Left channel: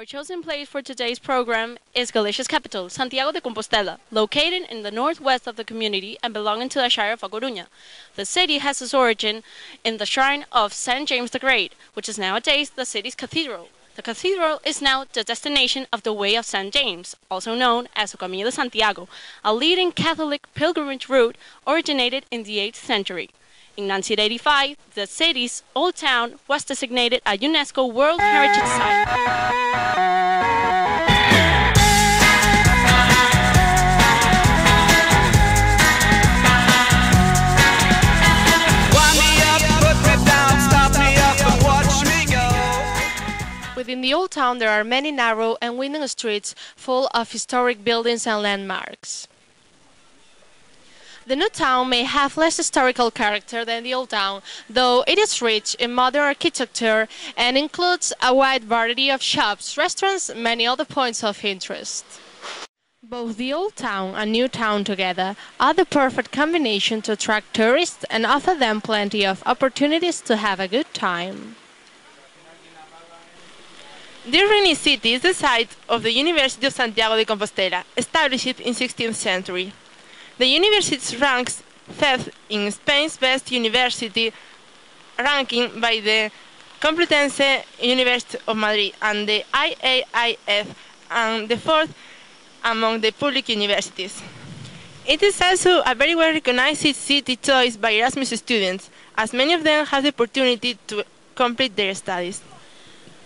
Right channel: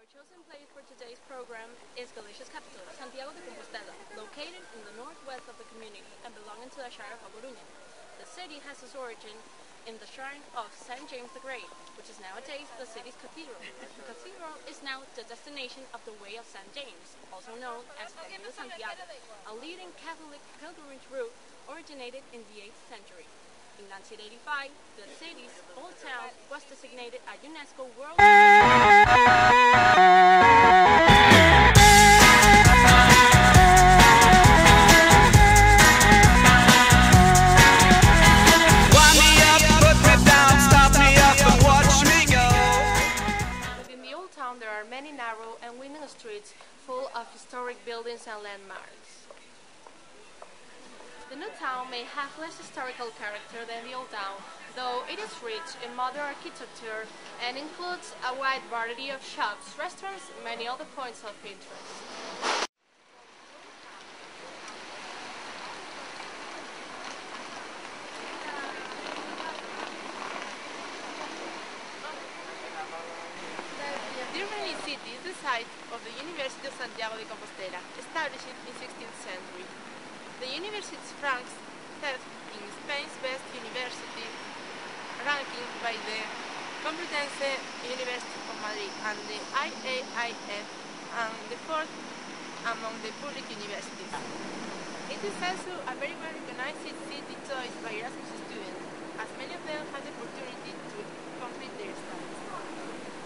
Our chosen place for today's program is Galicia's capital, Santiago de Compostela, located in the northwest of the community and belonging to the Shire of A Coruña. The city has its origin in the shrine of St. James the Great, which is nowadays the city's cathedral. The cathedral is now the destination of the Way of St. James, also known as the Camino de Santiago, a leading Catholic pilgrimage route originated in the 8th century. In 1985, the city's old town was designated a UNESCO World Heritage Site. Within the old town, there are many narrow and winding streets full of historic buildings and landmarks. The new town may have less historical character than the old town, though it is rich in modern architecture and includes a wide variety of shops, restaurants, and many other points of interest. Both the old town and new town together are the perfect combination to attract tourists and offer them plenty of opportunities to have a good time. This rainy city is the site of the University of Santiago de Compostela, established in 16th century. The university ranks 5th in Spain's best university ranking by the Complutense University of Madrid and the IAIF, and the 4th among the public universities. It is also a very well recognized city choice by Erasmus students, as many of them have the opportunity to complete their studies.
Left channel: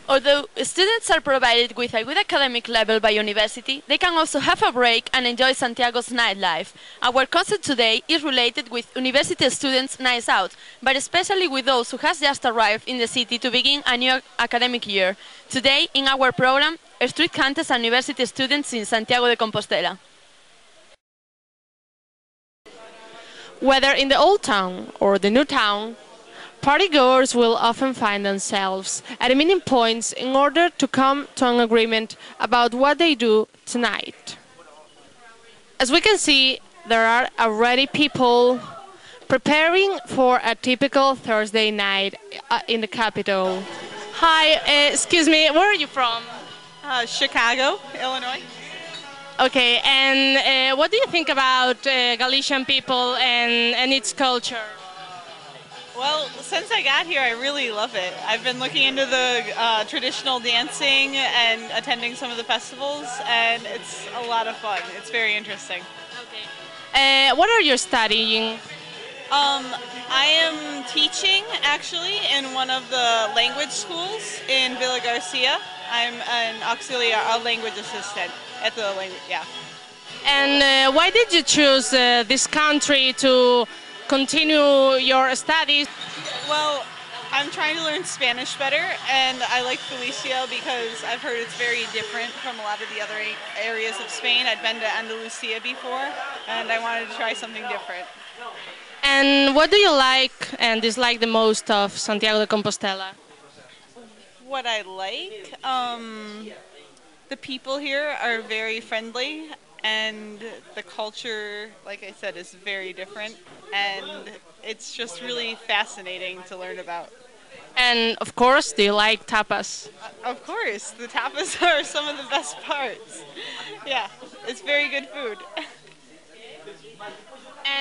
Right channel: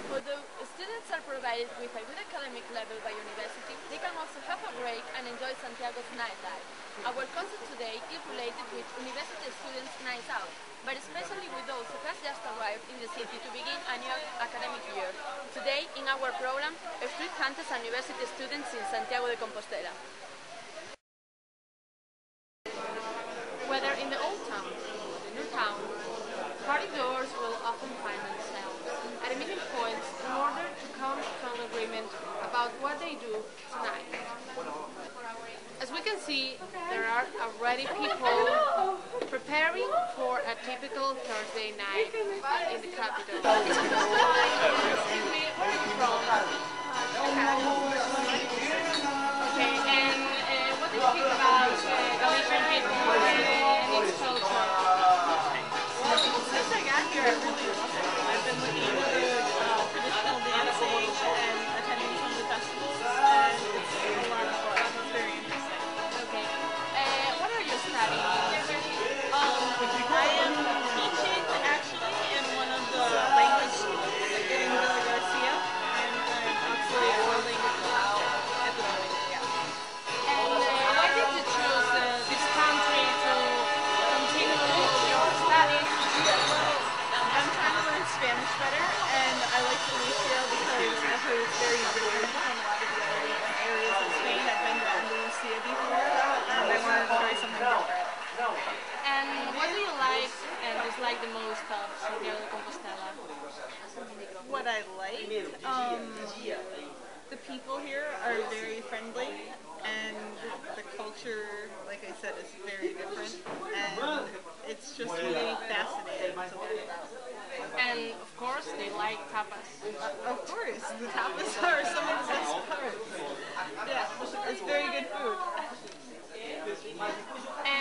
Although students are provided with a good academic level by university, they can also have a break and enjoy Santiago's nightlife. Our concept today is related with university students' nights out, but especially with those who have just arrived in the city to begin a new academic year. Today, in our program, street hunters and university students in Santiago de Compostela. Whether in the old town or the new town, partygoers will often find themselves at meeting points in order to come to an agreement about what they do tonight. As we can see, there are already people preparing for a typical Thursday night in the capital. Hi, excuse me, where are you from? Chicago, Illinois. Okay, and what do you think about Galician people and its culture? Well, since I got here, I really love it. I've been looking into the traditional dancing and attending some of the festivals, and it's a lot of fun. It's very interesting. Okay. What are you studying? I am teaching, actually, in one of the language schools in Villa Garcia. I'm an auxiliary language assistant at the language, yeah. And why did you choose this country to continue your studies? Well, I'm trying to learn Spanish better, and I like Galicia because I've heard it's very different from a lot of the other areas of Spain. I've been to Andalusia before, and I wanted to try something different. And what do you like and dislike the most of Santiago de Compostela? What I like? The people here are very friendly, and the culture, like I said, is very different, and it's just really fascinating to learn about. And of course, do you like tapas? Of course, the tapas are some of the best parts. Yeah, it's very good food.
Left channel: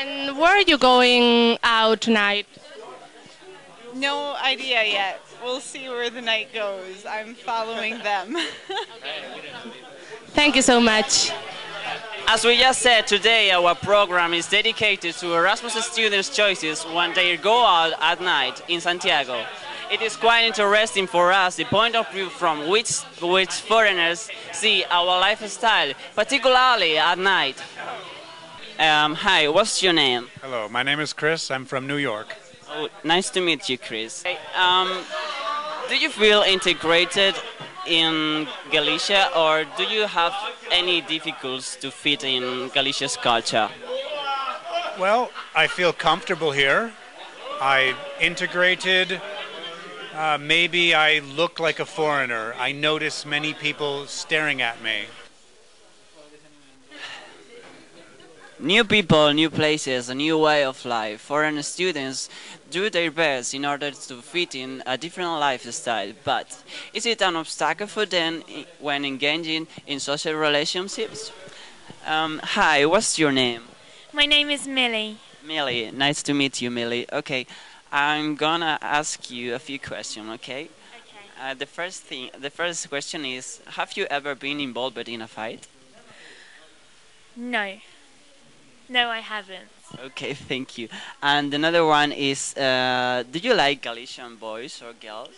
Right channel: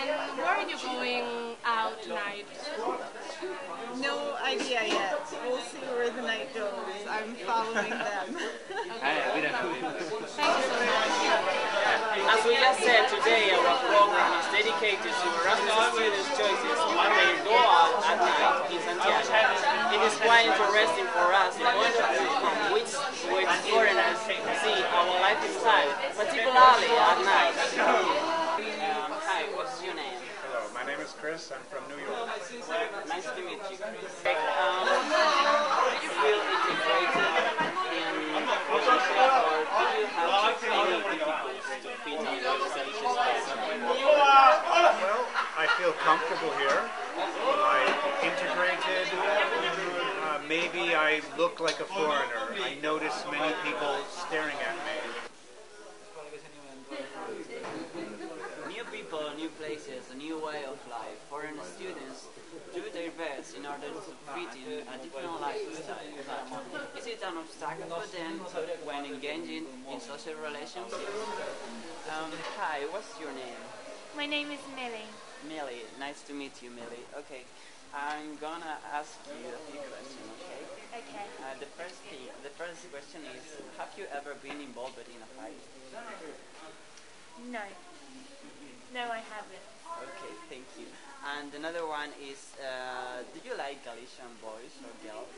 And where are you going out tonight? No idea yet. We'll see where the night goes. I'm following them. Thank you so much. As we just said, today our program is dedicated to Erasmus students' choices when they go out at night in Santiago. It is quite interesting for us the point of view from which foreigners see our lifestyle, particularly at night. Hi, what's your name? Hello, my name is Chris. I'm from New York. Nice to meet you, Chris. Do you feel integrated in Galicia, or do you have any difficulties to fit in Galicia's culture? Well, I feel comfortable here. I integrated. Maybe I look like a foreigner. I notice many people staring at me. New people, new places, a new way of life. Foreign students do their best in order to fit in a different lifestyle, but is it an obstacle for them when engaging in social relationships? Hi, what's your name? My name is Millie. Millie, nice to meet you, Millie. Okay, I'm gonna ask you a few questions, okay? The first question is, have you ever been involved in a fight? No. No, I haven't. Okay, thank you. And another one is, do you like Galician boys or girls?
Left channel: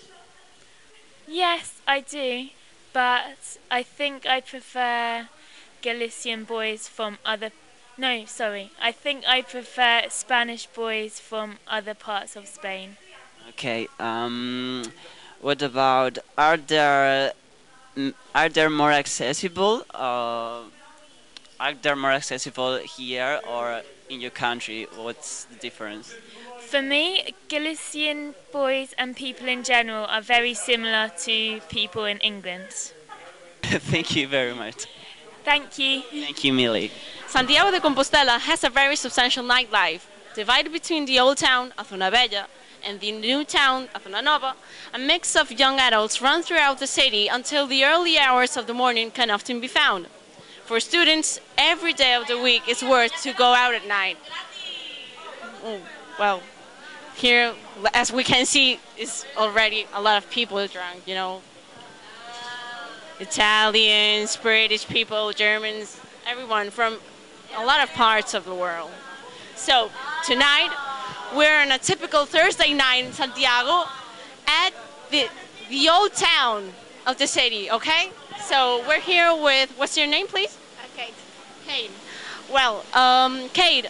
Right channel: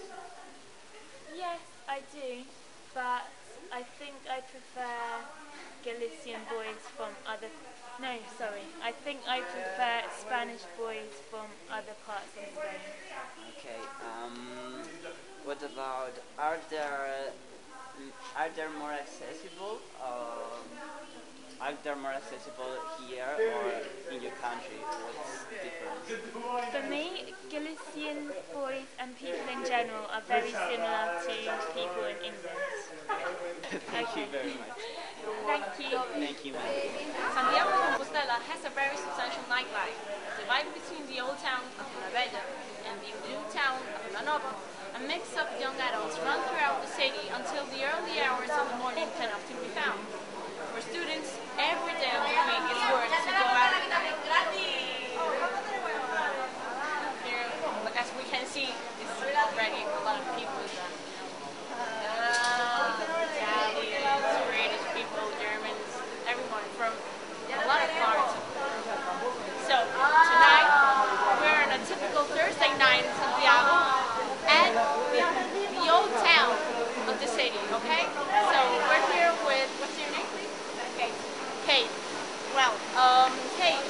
Yes, I do, but I think I prefer Galician boys from other. No, sorry. I think I prefer Spanish boys from other parts of Spain. Okay. What about are there more accessible? Are there more accessible here or in your country? What's the difference? For me, Galician boys and people in general are very similar to people in England. Thank you very much. Thank you. Thank you, Millie. Santiago de Compostela has a very substantial nightlife, divided between the old town of Zona Bella and the new town of Zona Nova. A mix of young adults run throughout the city until the early hours of the morning can often be found. For students, every day of the week is worth to go out at night. Oh, well, here, as we can see, is already a lot of people drunk, you know. Italians, British people, Germans, everyone from a lot of parts of the world. So tonight we're on a typical Thursday night in Santiago at the old town of the city, okay? So we're here with, what's your name, please? Kate. Kate. Well, Kate,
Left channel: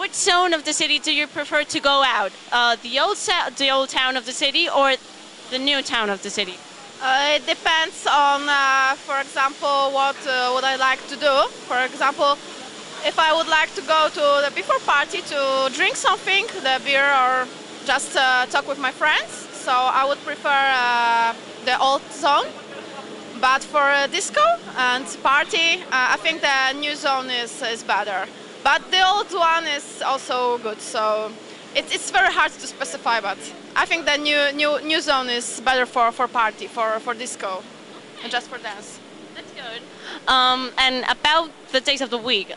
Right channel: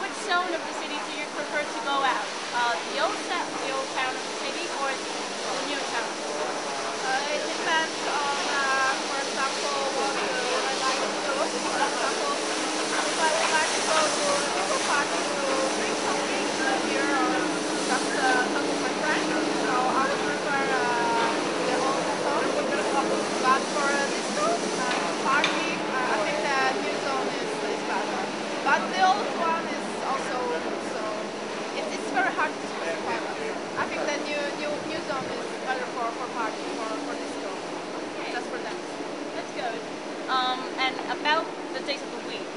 which zone of the city do you prefer to go out? The old town of the city or the new town of the city? It depends on, for example, what would I like to do. For example, if I would like to go to the before party to drink something, the beer, or just talk with my friends, so I would prefer the old zone. But for a disco and party, I think the new zone is better. But the old one is also good, so it's very hard to specify, but I think the new zone is better for party, for disco, and just for dance. That's good. And about the days of the week,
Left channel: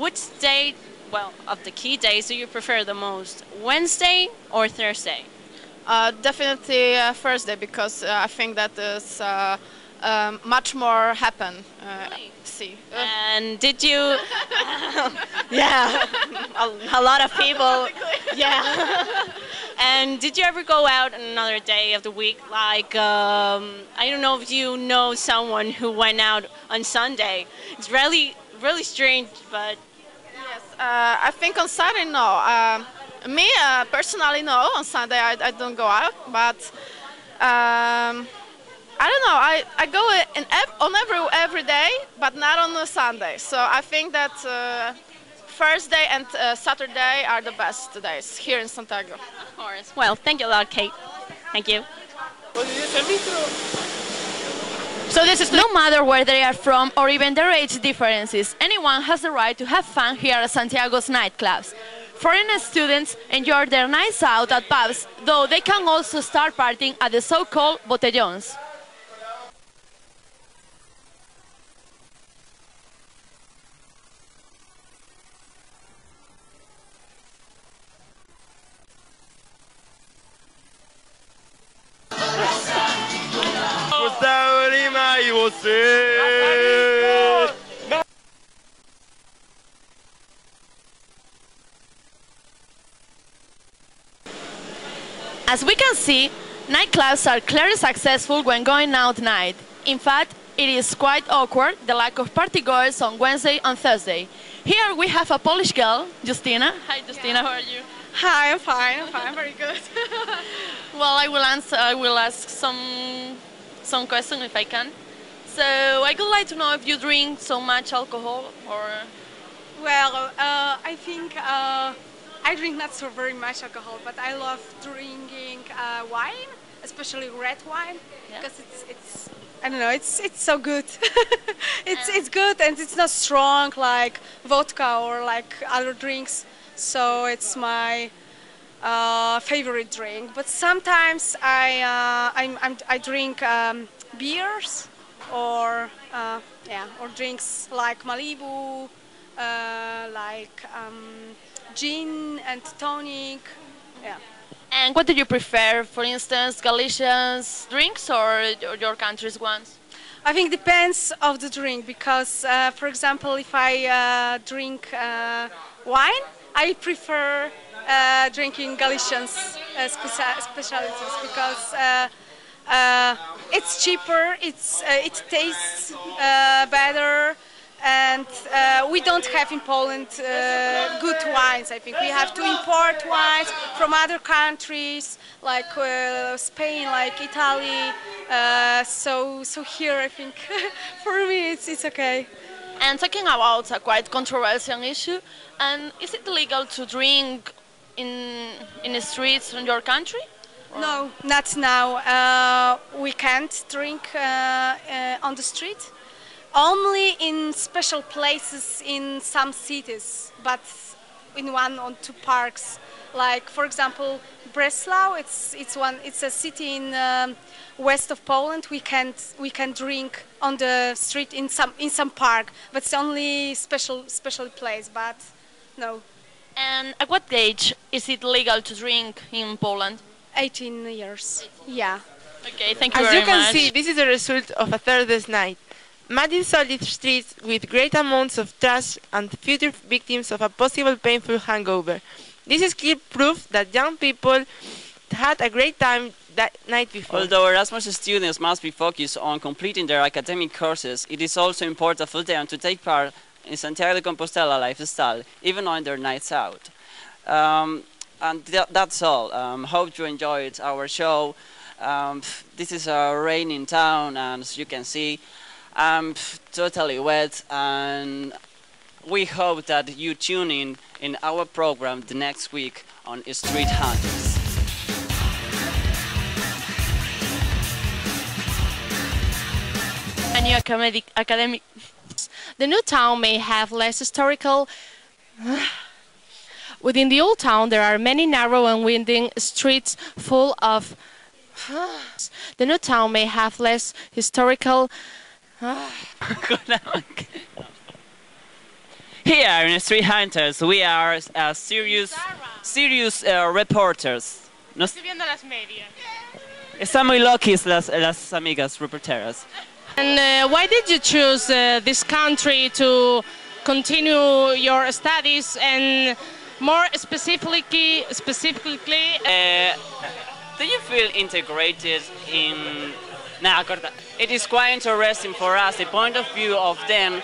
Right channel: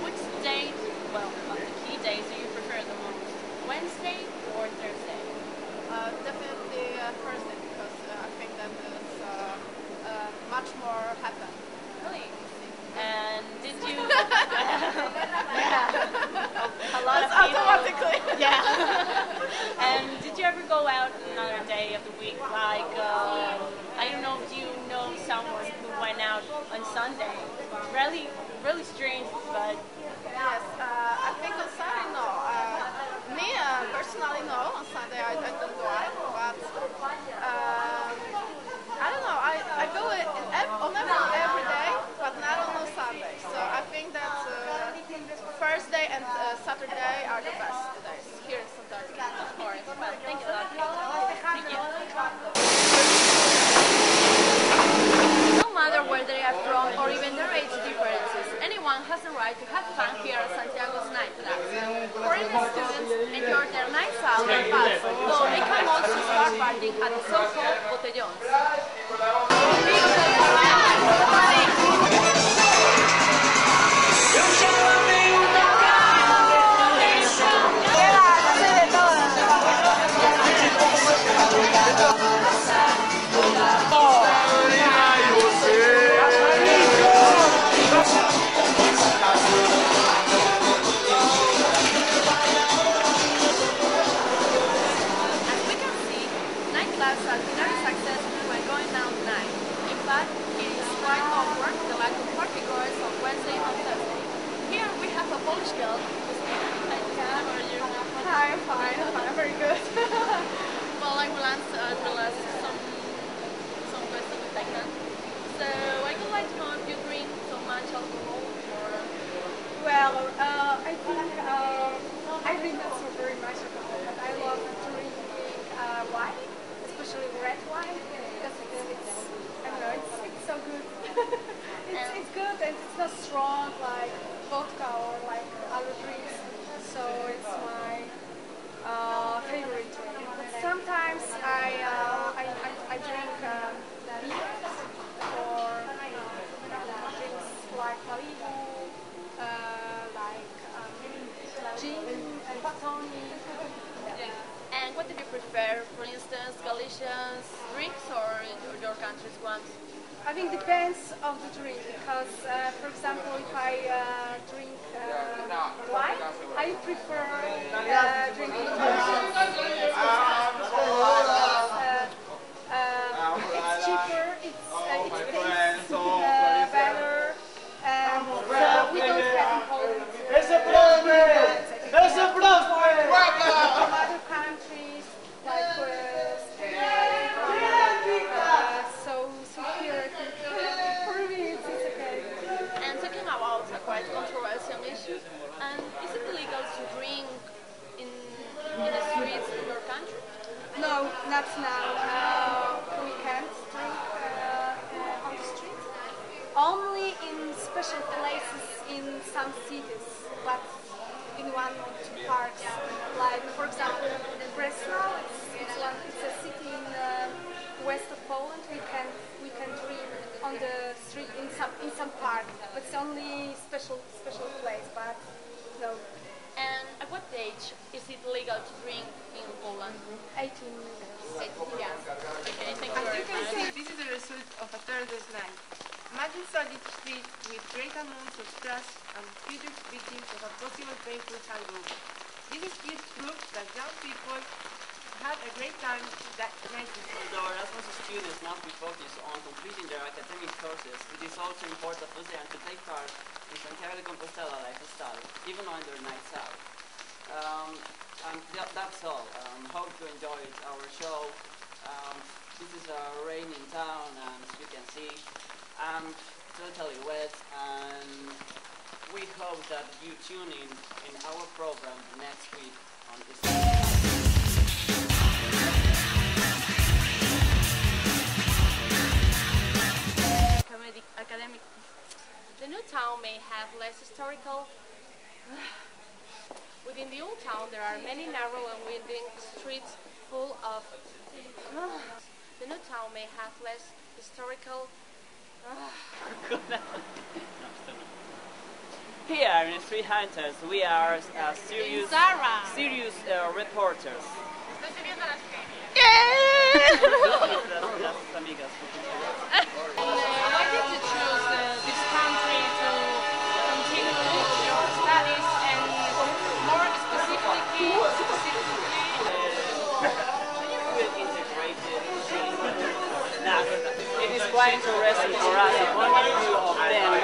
which day, well, of the key days do you prefer the most? Wednesday or Thursday? Definitely Thursday, because I think that is much more happen. See. And did you? Yeah, a lot of people. Yeah. And did you ever go out on another day of the week? Like, I don't know if you know someone who went out on Sunday. It's really, really strange, but. Yes, I think on Saturday, no. Me, personally, no. On Sunday, I don't go out, but I don't know. I go on every day, but not on a Sunday. So I think that Thursday and Saturday are the best days here in Santiago. Of course. Well, thank you a lot, Kate. Thank you. So this is no matter where they are from or even their age differences, anyone has the right to have fun here at Santiago's nightclubs. Foreign students enjoy their nights out at pubs, though they can also start partying at the so-called botellons. As we can see, nightclubs are clearly successful when going out at night. In fact, it is quite awkward, the lack of partygoers on Wednesday and Thursday. Here we have a Polish girl, Justina. Hi Justina, how are you? Hi, I'm fine, very good. Well, I will ask some questions if I can. So I would like to know if you drink so much alcohol or... Well, I think I drink not so very much alcohol, but I love drinking wine, especially red wine, because it's I don't know, it's so good. It's good and it's not strong like vodka or like other drinks. So it's my favorite drink. But sometimes I drink beers or or drinks like Malibu, like gin and tonic. Yeah. And what do you prefer, for instance, Galicians drinks or your country's ones? I think it depends of the drink because, for example, if I drink wine, I prefer drinking Galicians specialties because it's cheaper, it tastes better, and we don't have in Poland good wines. I think we have to import wines from other countries like Spain, like Italy. So here I think for me it's okay. And talking about a quite controversial issue, and is it illegal to drink in the streets in your country? No, not now. We can't drink on the street. Only in special places in some cities, but in one or two parks. Like for example, Breslau. It's a city in west of Poland. We can drink on the street in some park, but it's only special place. But no. And at what age is it legal to drink in Poland? 18 years. Yeah. Okay, thank you As very you can much. see, this is a result of a Thursday's night. Muddy solid streets with great amounts of trash and future victims of a possible painful hangover. This is clear proof that young people had a great time that night before. Although Erasmus students must be focused on completing their academic courses, it is also important for them to take part in Santiago de Compostela lifestyle, even on their nights out. That's all. Hope you enjoyed our show. This is a raining town, and as you can see, I'm totally wet, and we hope that you tune in our program the next week on Street Hunters. A new academic. The new town may have less historical. Within the old town, there are many narrow and winding streets full of. The new town may have less historical. Here in Street Hunters, we are serious reporters. Están muy loquis las amigas reporteras. And why did you choose this country to continue your studies and more specifically? Do you feel integrated in? It is quite interesting for us, the point of view of them.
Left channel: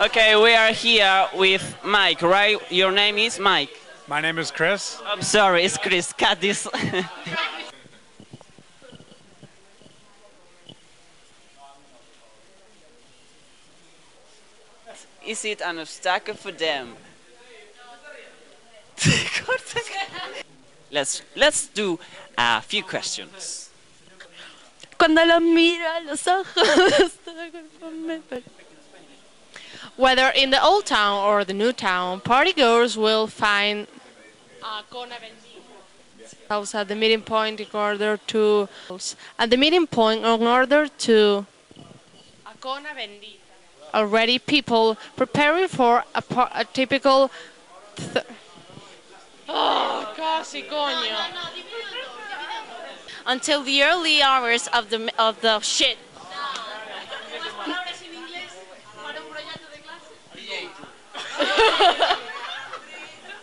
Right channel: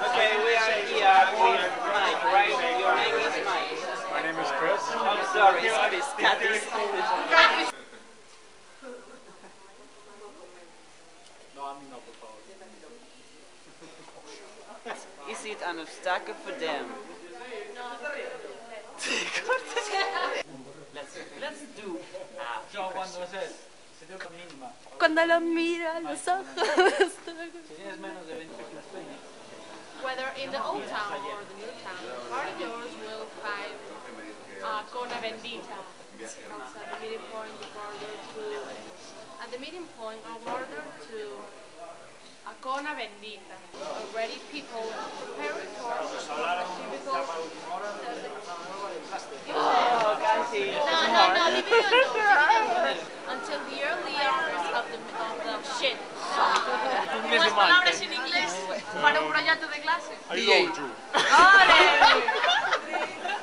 Okay, we are here with Mike, right? Your name is Mike. My name is Chris. I'm sorry, it's Chris. Cut this. Is it an obstacle for them? Let's do a few questions. Cuando lo miro a los ojos. Whether in the old town or the new town, partygoers will find themselves at the meeting point in order to already people preparing for a typical Until the early hours of the shit.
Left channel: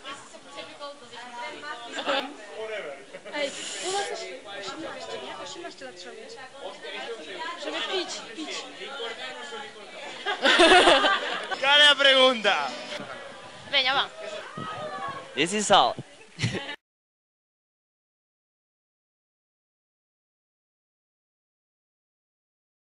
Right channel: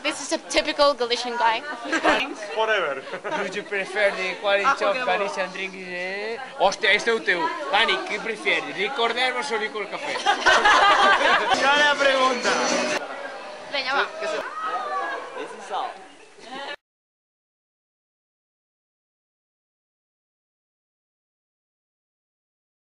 This is a typical Galician guy. Forever. Tu prefere quali Galician drink? Hostia, este é o teu. Dani, que prefere? Licor de ervas ou licor de café? Qual é a pregunta? Veña, va. This is all.